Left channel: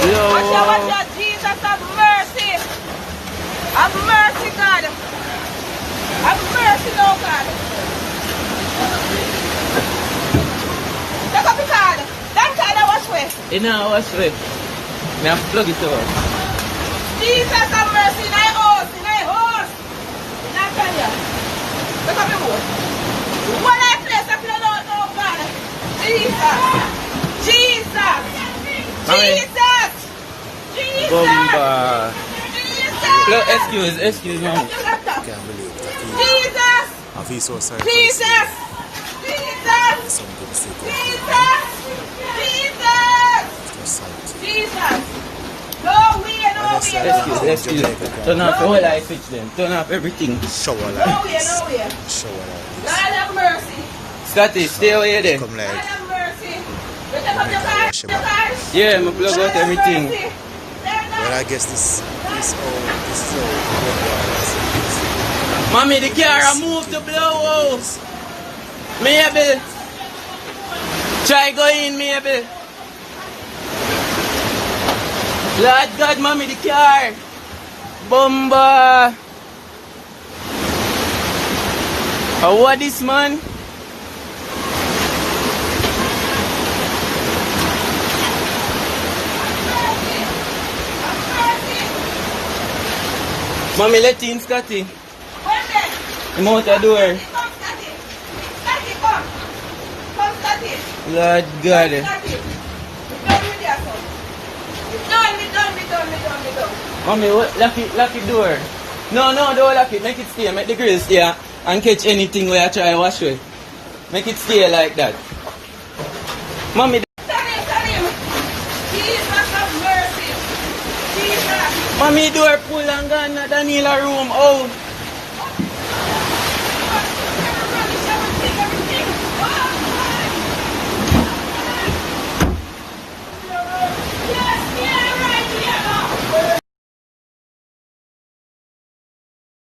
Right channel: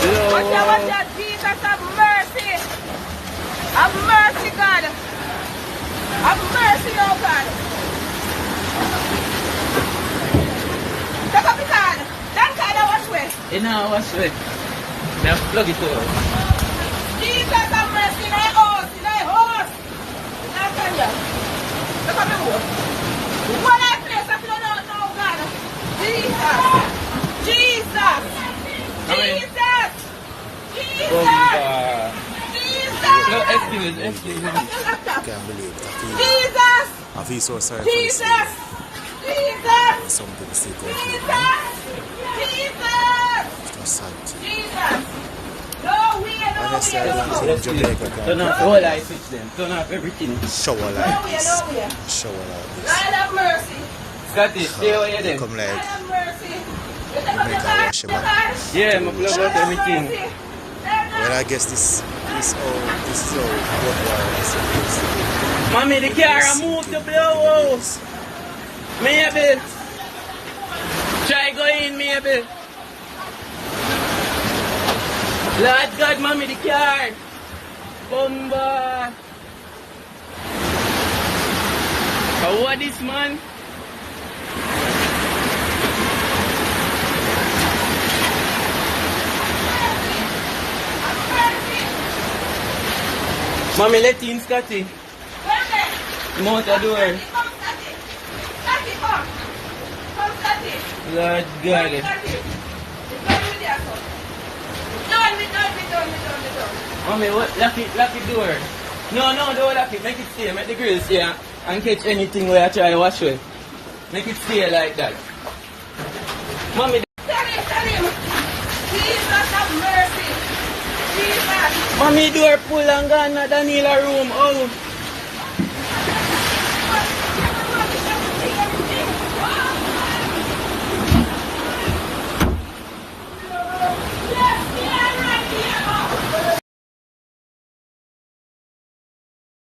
Watch out, Jesus, have mercy. Have mercy, God. Have mercy, Lord God. Take up the card. That card I wash with. You know, wash with. Now plug it over. Jesus, have mercy in thy house, in thy house. Now tell you. Look up the boat. One I place up your Lord, oh God. Jesus. Jesus. Jesus. Jesus. Jesus. Excuse me. Can't believe it. Jesus. I feel so sorry for Jesus. this. Jesus. Some people still go Jesus. Jesus. It's just sad. Jesus. No way, no Honestly, I way, don't no think way. Jamaica can Turn off the whole light switch them. Turn off everything. shower No like way, this. no way. Shower like this. God have mercy. Scotty, stay away then. Come God like have mercy. Jamaica wash him up. Yeah, I'm plug out everything. Well, I guess this is how work wires are supposed to be. Mommy, the car moved the blow. Maybe. Try go in, maybe. Lord God, mommy, the car. Bomba. What this, man? Mommy, let in, Scotty. Come out the door. Lord God. Mommy, what? Lock it door. No, don't lock it. Make it stay. Make the grill stay and catch anything where I try to wash it. Make it stay like that. Mommy, mommy door pull and gone at Daniela room out.